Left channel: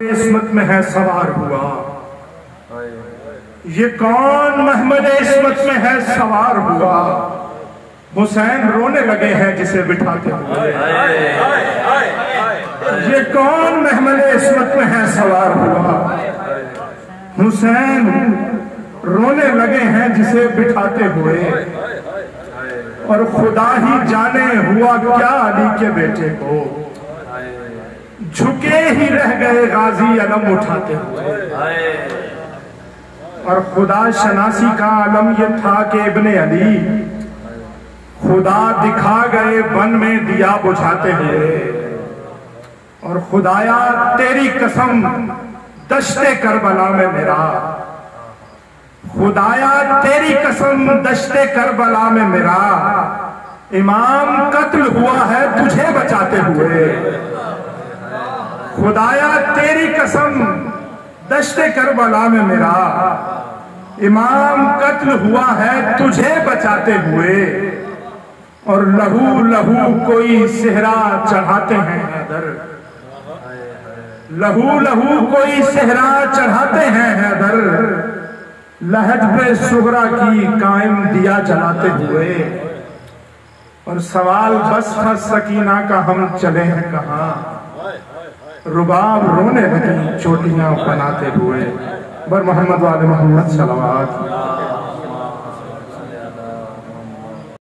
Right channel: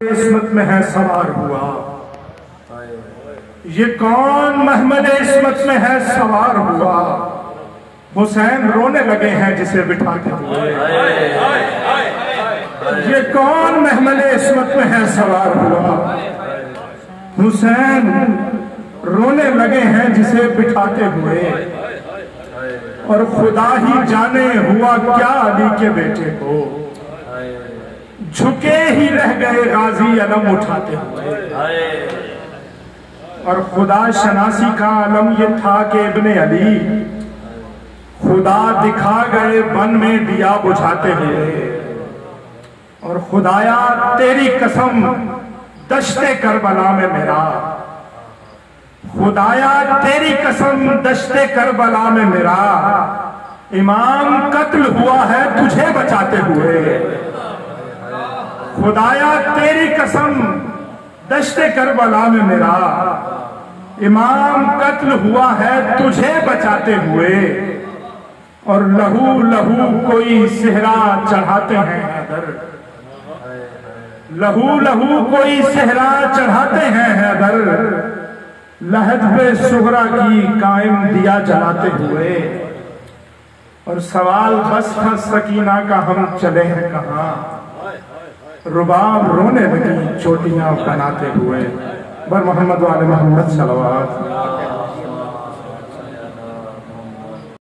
इस्मत में है सवार हुआ, ये कौन महमद इस्मत में है सवार हुआ। हुसैन रोने लगे हैं जिसे बिठाते हुए। ये कौन महमद इस्मत में है सवार हुआ। हुसैन रोने लगे हैं जिसे बिठाते हुए। और खुदा ही जाने हुआ क्या अली के बेटे को, झुके ही रह गए गाजी अलम उठाते हुए। और खुदा शनासी का अलम ये था कि इब्ने अली खुदा दिखा गए बन में दिया बुझाते हुए। और खुदाया तेरी कसम दश्ते करबला में मेरा, खुदाया तेरी कसम दश्ते करबला में मेरा इमाम कत्ल हुआ है तुझे बचाते हुए। खुदाया तेरी कसम दश्ते करबला में मेरा इमाम कत्ल हुआ है तुझे बचाते हुए। और लहू लहू कोई सेहरा चढ़ाते हैं हैदर, लहू लहू कोई सेहरा चढ़ाते हैं हैदर, लहद पे सुगरा की कायम दिया जलाते हुए। और सवाल बस था सकीना का हम चले हैं कहाँ, रुबाब रोने लगी चोटियां बनाते हुए। बर मोहम्मद वाले मोहम्मद सलवात।